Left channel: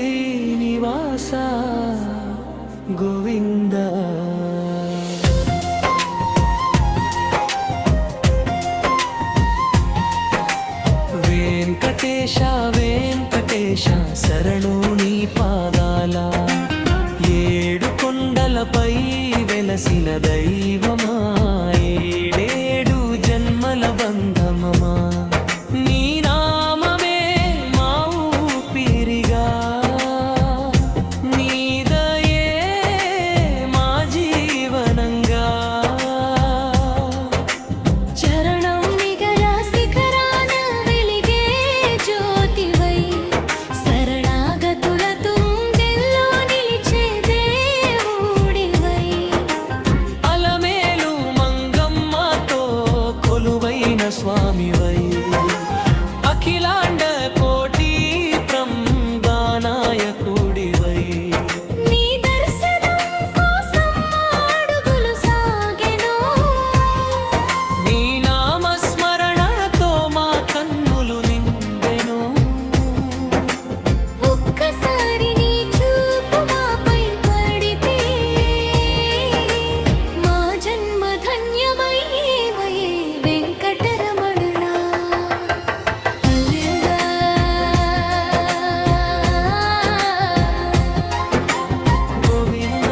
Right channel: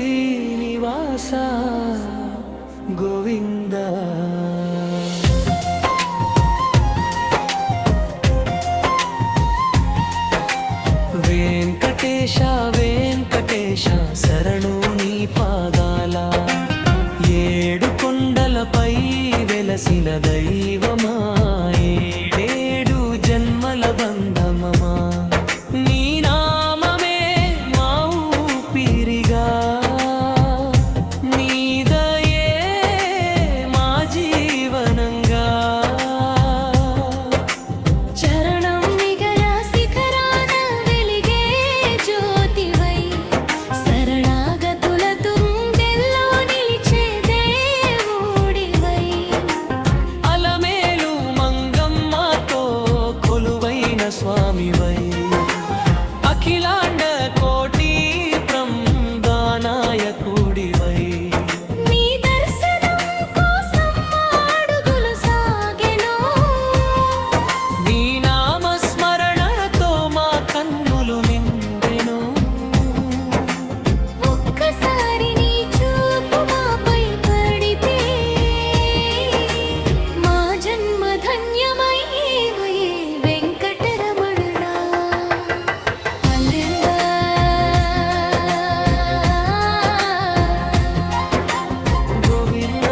శ్రీనివాస గోవింద వెంకటేశ వెంకటేశ శరణు నీ పాదాల ఏడు కొండలపై వెలసిన దైవమా ఏడేడు జన్మల బంధమమా నీ నామమే మా ఊపిరిగా నీ దయే మా జీవనంగా చరణం నిగర శిఖరాన వెలిగే జ్యోతివై శరణాగతుల తుండెల్లో నిలిచే దేవుడివై అలమేలు మంగమ్మతో కొలువైన స్వామివై అఖిలాండ కోటి బ్రహ్మనాయకుడివై నీ దర్శనం కోసం అడుగులు సాగెను నీ నామస్మరణతో మా కన్నులు నిండెను ఒక్కసారి నీ చూపు మాపై పడితే మా జన్మ ధన్యమయ్యేవయే వెంకటరమణ అల్లెందా గోవింద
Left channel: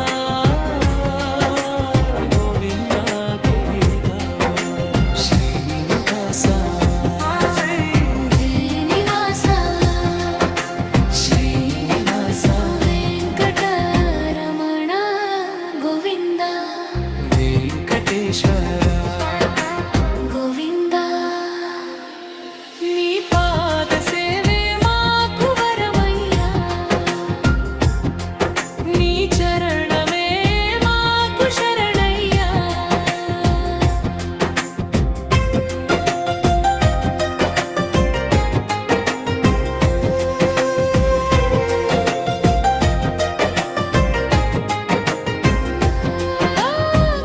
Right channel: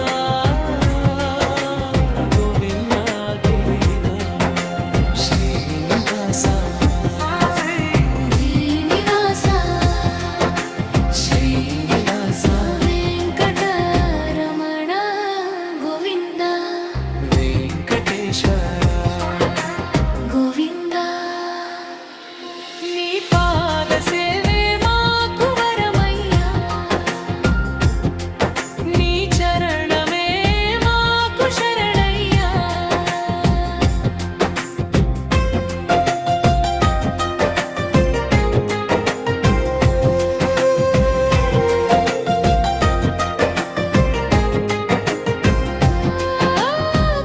గోవింద గోవింద శ్రీనివాస శ్రీనివాస శ్రీనివాస వెంకటరమణ గోవింద వెంకటేశ్వర గోవింద నీ పాద సేవే మాకు వరమయ్యా నీ చరణమే మాకు శరణయ్యా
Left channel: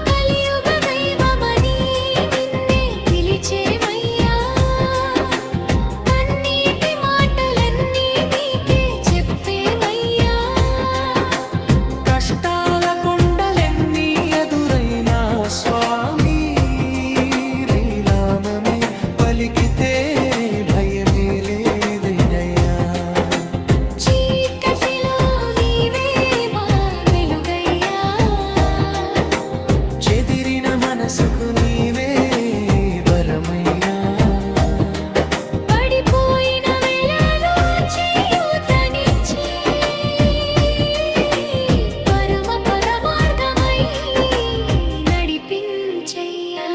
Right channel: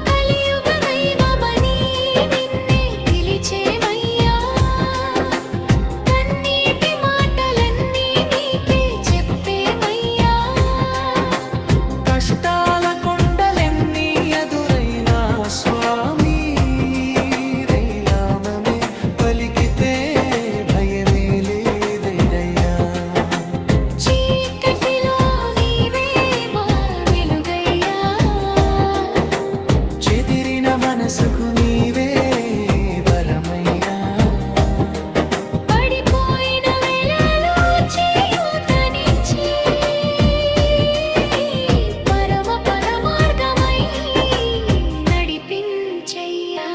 కలియుగ దైవమని నిన్నే పిలిచేమయ్యా కన్నీటి మాటలన్నీ నీకే చెప్పేమయ్యా కష్టాల కొండలెన్ని ఎదురైనా స్వామి రైలామమే పలికితే భయమే లేదయ్యా చీకటిలో నీవే మా వెలుగయ్యా చెదిరిన మనసుకు నీవే వరమయ్యా పడిపోయిన వేళలో చేయూతనిచ్చి పరమ పరమార్గమై నడిపించయ్యా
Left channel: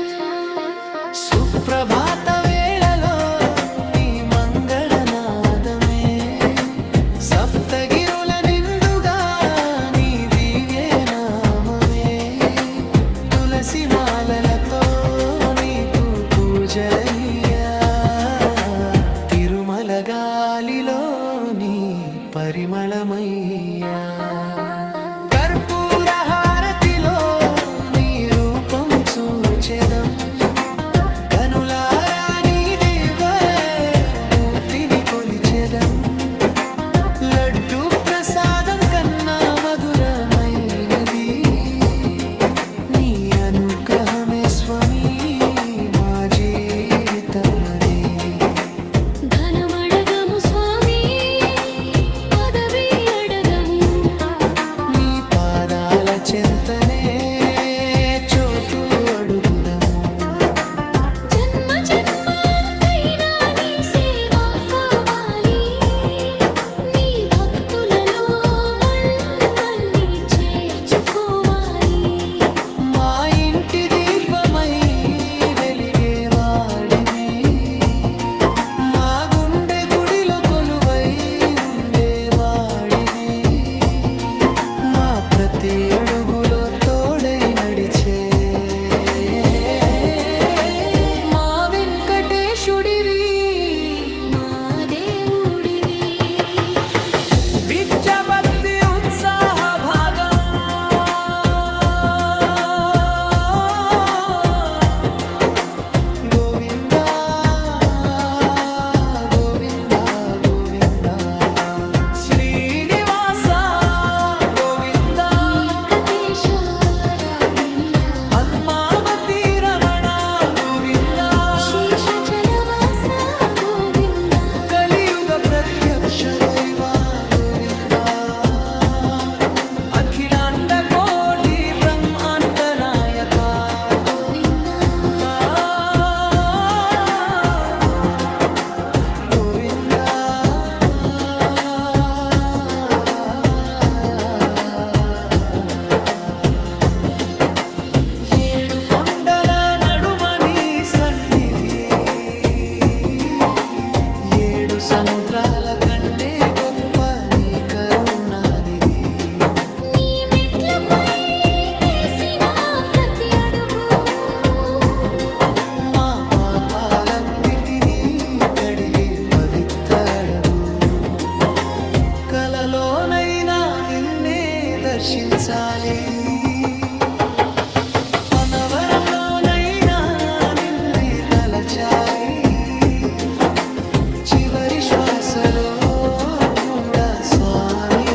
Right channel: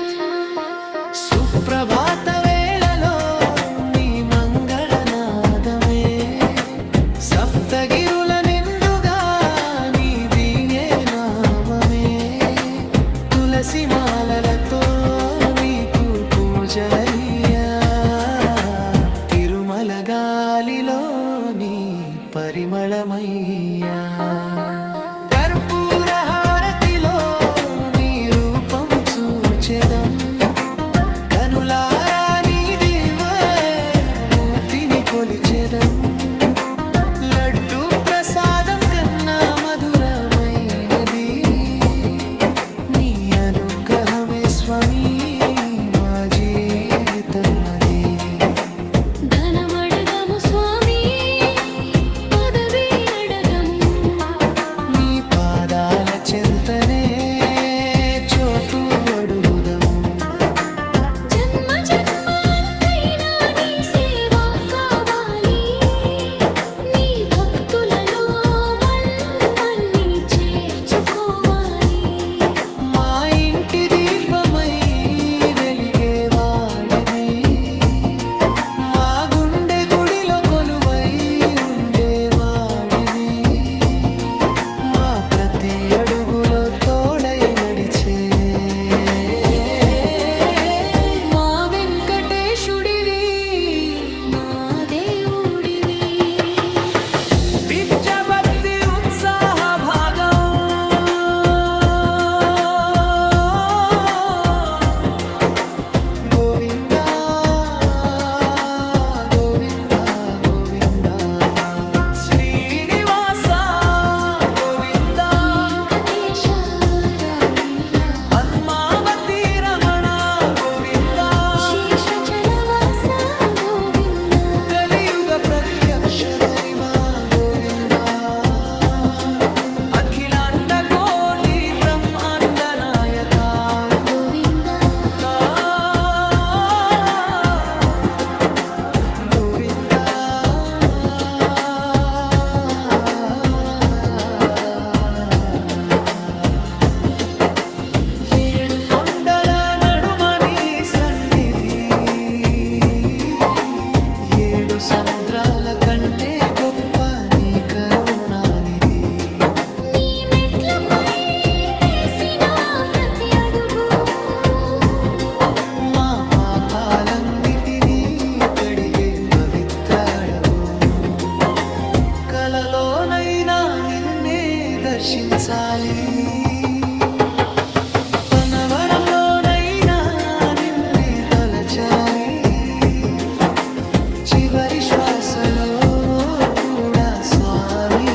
సుప్రభాత వేళలో నీ మంగళనాదమే సప్తగిరుల నిండుగా నీ దివ్య నామమే తులసి మాలలతో నీకు పూజలయ్యా తిరుమల గాలిలో నీ పరిమళమయ్యా కర్పూర హారతిలో నీ రూపం చూచెదం కనులారా నీ దివ్యమూర్తిని కొలిచెదం లడ్డు ప్రసాదం కన్నా మధురమైనది నీ అనుగ్రహమే స్వామి మా జీవితమదే ధనమడగము స్వామి పదవి అడగము నీ పాదాల చెంతనే చోటు అడుగుదము జన్మ జన్మాంతైనా నీ సేవ కావాలి నీ భక్తులలో మళ్ళీ చేర్చుకోవాలి మా ఇంటి దీపమై వెలిగేవాడివి మా గుండె గుడిలో కొలువై ఉండేవాడివి మా ప్రతి అడుగులో తోడై నడిచే మా వెంకటేశుడివి మా దేవుడివి విద్యాపత్తి ఉత్సాహ భాగం సముద్రాల కంటే గొప్ప నీ కరుణానిధి. నీ మెట్లపై వేసిన ప్రతి అడుగు మా పాపాలన్నిటినీ కడిగే పవిత్ర అడుగు. కలలోనైనా నిన్నే దర్శించాలి, పనవరంలోనైనా నిన్నే తలచాలి. చివరి శ్వాసలో కూడా స్వామి